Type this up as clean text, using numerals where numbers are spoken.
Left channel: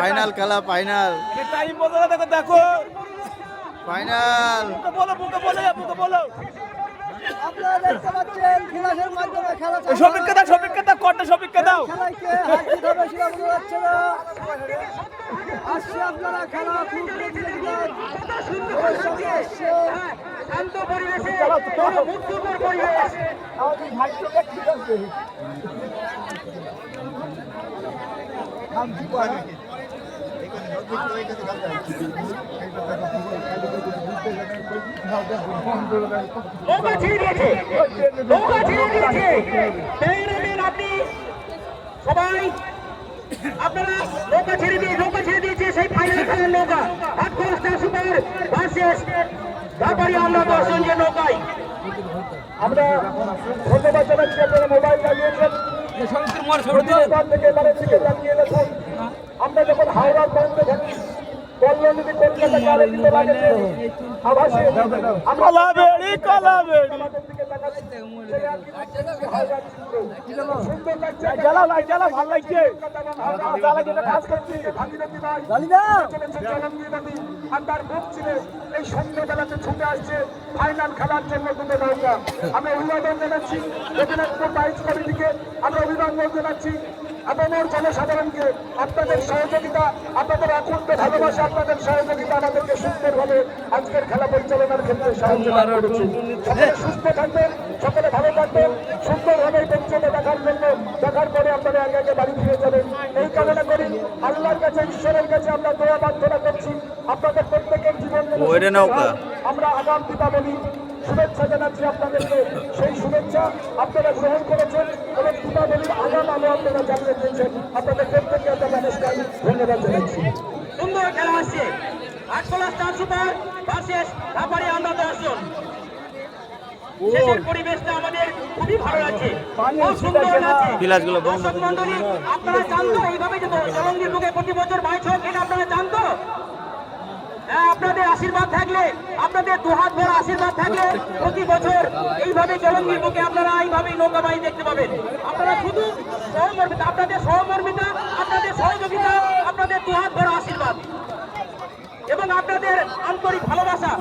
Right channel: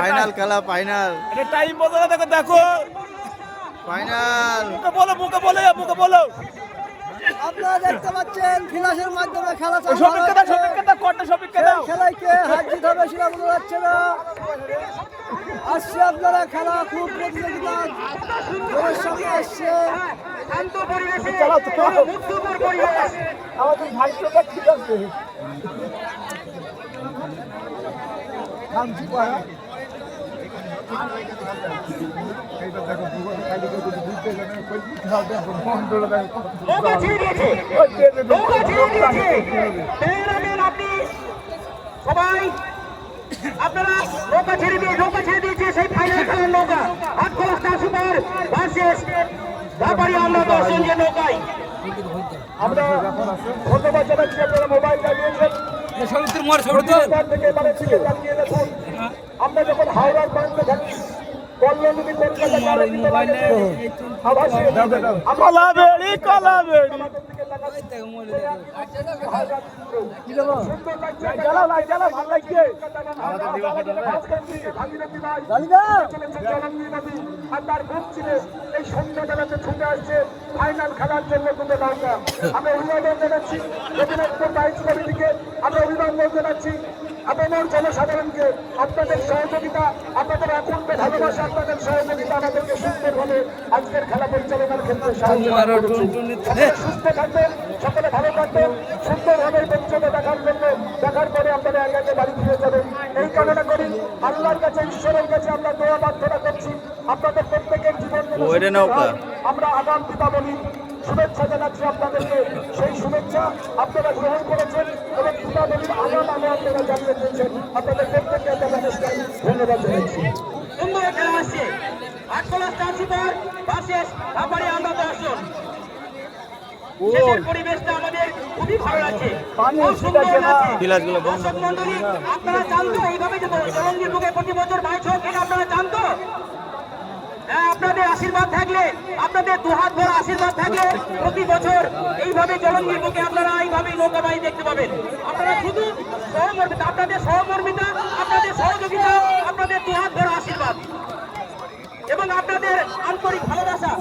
Final খেলা, final time বলো, দেখো ফাইনাল। মুখে বলো আপনারা দেখতে পাচ্ছেন ফিনাশের মাধ্যমে খেলা খেলায় কে হার জিত হবে সেটা বোঝা যাচ্ছে না। আসছে আপনারা খেলা খুব সঙ্গে আসছে। আপনি সবাই আপনারা নৌকা ছেড়ে দিয়েছে সেই ফাইনাল খেলার নৌকা আটকলা স্টার সুপার ভার্সেস ধাপাড়ি আমরা 10 জন যে নৌকায়। আমরা ধন্যবাদ জানাচ্ছি আপনারা মোবাইল লাগিয়েছেন আমরা যখন হাওড়ার পয়েন্টে থাকি কল্যাণী কলকাতা ফাইনাল খেলার জন্য আমরা অভিবাদন জানাচ্ছি, আমরা অভিবাদন জানাচ্ছি আপনাদের জনসাধারণকে। আপনাদের সহযোগিতা, আপনাদের অত্যন্ত ভালোবাসা, আপনাদের সহযোগিতা আমাদেরকে সুন্দরভাবে আজকের খেলা পরিচালনার ক্ষেত্রে সাহায্য করেছে। সকলে সুস্থ থাকবেন, সকলে ভালো থাকবেন, সুন্দরভাবে পরিচালনা দেখার পরে আপনারা আগে আগে বাড়ি ফিরে যাবেন এই কামনা করি। আল্লাহর কাছে, ঈশ্বরের কাছে আমরা দোয়া প্রার্থনা করছি আপনাদের প্রত্যেকের জীবন। আমরা আগাম দীপাবলি শুভেচ্ছা জানাচ্ছি আপনাদেরকে, সেই শুভেচ্ছা আপনারা গ্রহণ করেছেন এবং দীপাবলির আগাম আলো আপনারা জানিয়ে দিয়েছেন। আপনাদের প্রত্যেককে নমস্কার, ধন্যবাদ জানাচ্ছি। সুন্দর খেলা আসছে আটকলা স্টার সুপার ভার্সেস ধাপাড়ি আমরা 10 জন। পরিবেশটা আমাদের খুবই ভালো লাগছে, আপনারা জানতো এইভাবে জলঙ্গির বুকে প্রতি বছর বাইশ হোক, এটা আপনারা জানতো। আপনাদের আশীর্বাদ থাকলে, আপনাদের দুহাত ভরা আশীর্বাদ থাকলে প্রতি বছর এইভাবে জলঙ্গির বুকে আপনারা এইভাবে নৌকাবাহী দেখতে পাবেন। আপনারা শুধু সহমর্মিতা, আপনাদের সহমর্মিতা, আপনাদের সহযোগিতা, আপনাদের দুহাত ভরা আশীর্বাদ এবং আপনাদের আন্তরিক ভালোবাসা